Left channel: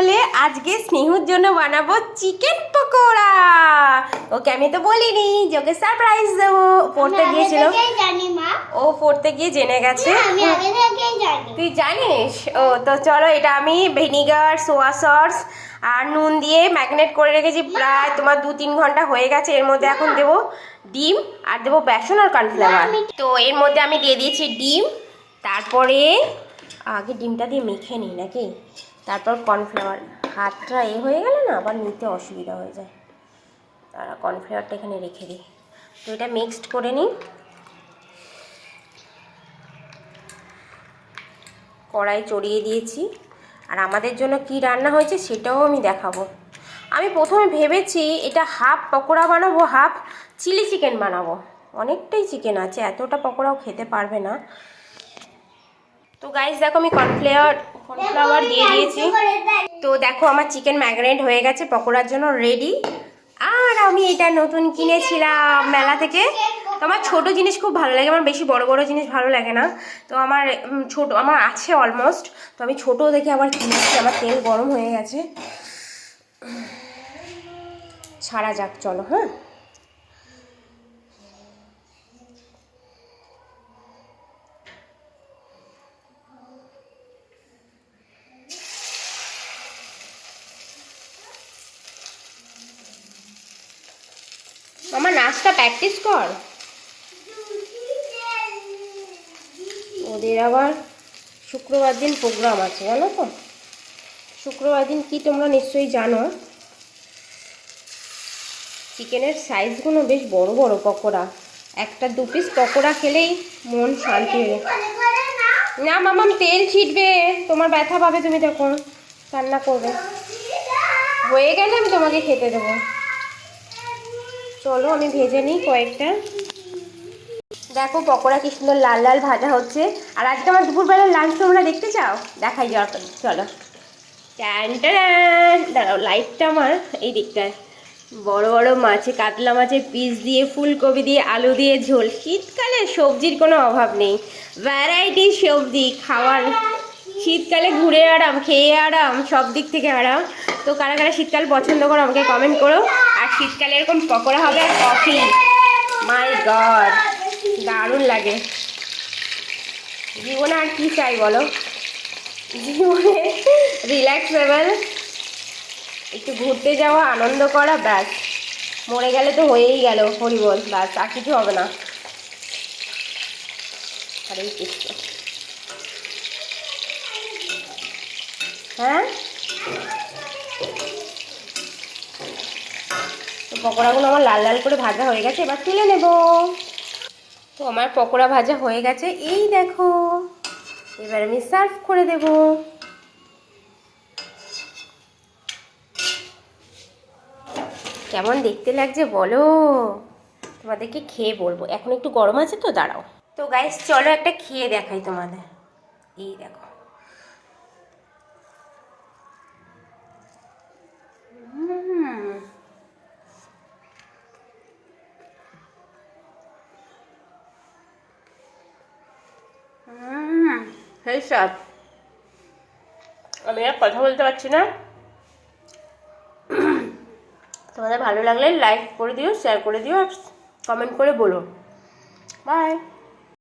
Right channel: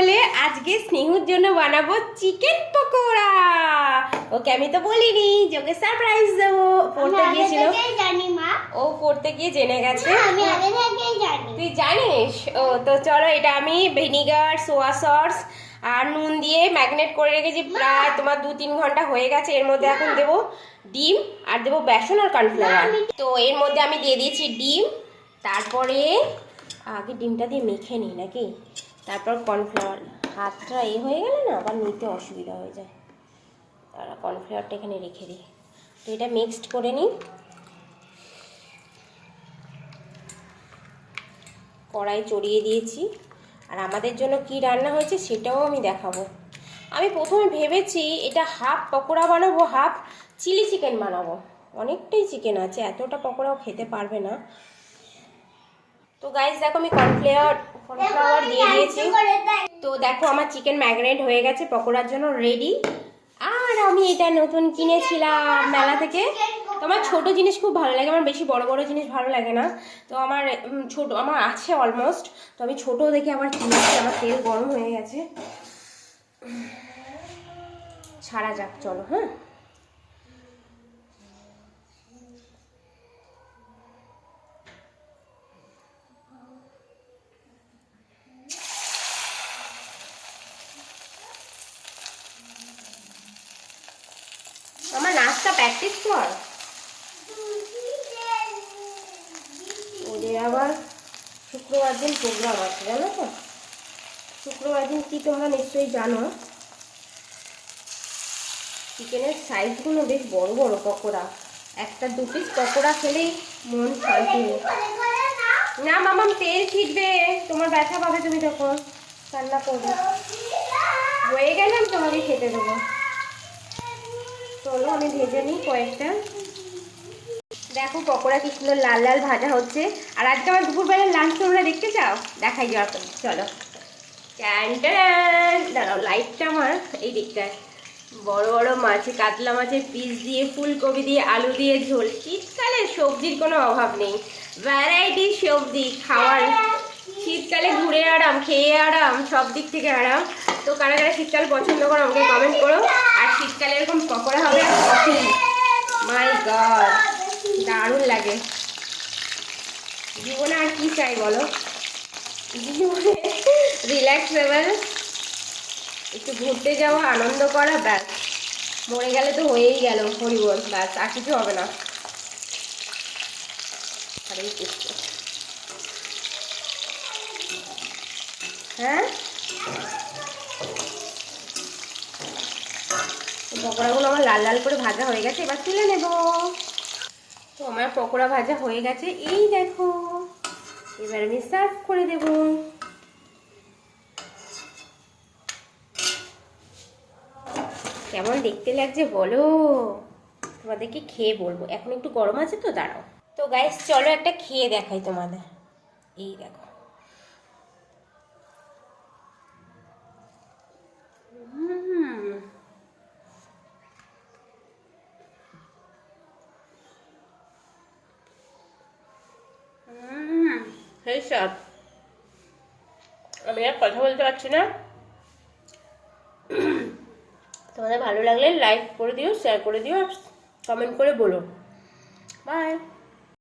বলে আজকে স্নেহুর জন্য বানাবো চিকেন পকোড়া। ওকে আমি তো বলিনি যে ওকে সারপ্রাইজ দেবো। পড়তে গিয়েছিল, ও পড়তে গিয়ে জেনে গেছে। তুই জানিস? ও তো চলো, এটা আমি ভিনিগার, সোয়া সস আর নুন দিয়ে ম্যাগনেট করে রেখেছি। প্রায় তোমার 2-3 ঘন্টা হয়ে গেছে। এর মধ্যে এখন দেবো ডিম আর দেবো বেসন আর কর্নফ্লাওয়ার। তো এর মধ্যে আমি দিয়ে দিয়েছি ডিম, তারপরে আগে ডিমটা দিয়ে মেখে নিই নাকি, তারপর কর্নফ্লাওয়ার। হাতটা হয়ে গেলে না আবার নিতে অসুবিধা হয়ে যায়, তারা কর্নফ্লাওয়ারটা এখানে রেখে দিই। তো এটা মিক্সড করে নিই। কড়াই চড়িয়ে দিয়েছি, আর আমাদের জন্য কি রান্না হয়েছে সেটাও আমি দেখাবো। আমি প্রথমে ভেবেছি এটা হাফ পকোড়া বানাবো, হাফ চিলি চিকেন বানাবো। অনেকটাই চিকেন আছে, এতটা পকোড়াও খেতে পারবে না। তো গাইস দেখো, আমি কর্নফ্লাওয়ার দিয়ে দিয়েছি। তো দেখো আমার চিকেন ম্যাগনেট হয়ে গেছে, পকোড়ার জন্য রেডি। আর আমি এটা নতুন কিনেছিলাম মেলা থেকে। তো আমার ছোটো জিনিস খুব ভালো লাগে, আমার বেশি বড় বড় জিনিস ভালো লাগে না। তো আমার ছোটো আমার আছে অলমোস্ট, তো আমি ছোটো দেখে আবার কিনেছি। আমার তেল গরম হয়ে গেছে, ছাড়া যাক চলো। হ্যাঁ, আমার নাচটা প্র্যাকটিস কর। ওদের আবার শুক্রবার দিন প্রোগ্রাম আছে জানো তো। শুক্রবার দিন কি তোমরা নিশ্চয়ই জানো। চিকেনের সাইজগুলো বেশ বড় বড় পকোড়া, একটা 2 পিস পকোড়া খেলেই মন শান্তি হয়ে যায়। না মামাম, তেল ছিটবে, তোমার ব্যথা পাবে তুমি যখন রান্না করবে। হয়ে গেলে আমি তোমাকে খেতে দেবো। চলো আমি ভেজে নিই কয়েকটা। দেখো পকোড়া কি সুন্দর লাল লাল ভাজা হচ্ছে। আর আজকে আমার দুপুরবেলার লাঞ্চ তোমরা দেখতে চাও? দেখাই যাও, চলো। দাঁড়াও, লাইটটা আমার এই দিকটায়। বড় বড় মাছে, কাতলা মাছের পিস দিয়ে, ফুলকপি দিয়ে, আলু দিয়ে ঝোল। শীতকালে সবজির কোনো অভাব নেই, ভ্যারাইটি সবজি খাওয়ার। শীতকালে ঘুরে আরাম, খেয়ে আরাম, সব দিক থেকে আরাম। তো কারা কারা শীতকাল পছন্দ করো আমাকে কমেন্ট করো। আর শীতকালে এরকম পকোড়া হবে আর কফি, মাই গড, দারুণ লাগে। জীবনে আর কি চাই বলো? জীবনে রিল্যাক্সেবল, একটু ঘুরতে যাওয়া, আনন্দ করা, ব্যাস। মরে গেলে তো হয়েই গেল, হরিবল, ব্যাস, আর কিছু হবে না। হরে কৃষ্ণ। হ্যাঁ, তো পকোড়াগুলো আমার লাল লাল করে ভাজা হয়ে গেছে, এবার তুলে নেব। তো আমার পকোড়া ভাজা হয়ে গেছে, এই দেখো। এবার আমি সার্ভ করে দেব। কেমন দেখতে লাগছে বলো? তোমাদেরকে খেয়ে বলবো। এখন একটু গরম আছে তো, দাঁড়াও। তো গাইস চলো একটা খেয়ে দেখাই তোমাদের। এই দেখো, সেই স্বাদ। আমি আর কথা বলতে পারছি না। তোমাদের ভালো লাগলে লাইক করে দিও, শেয়ার করে দিও, আর কমেন্ট করে বলো। বাই।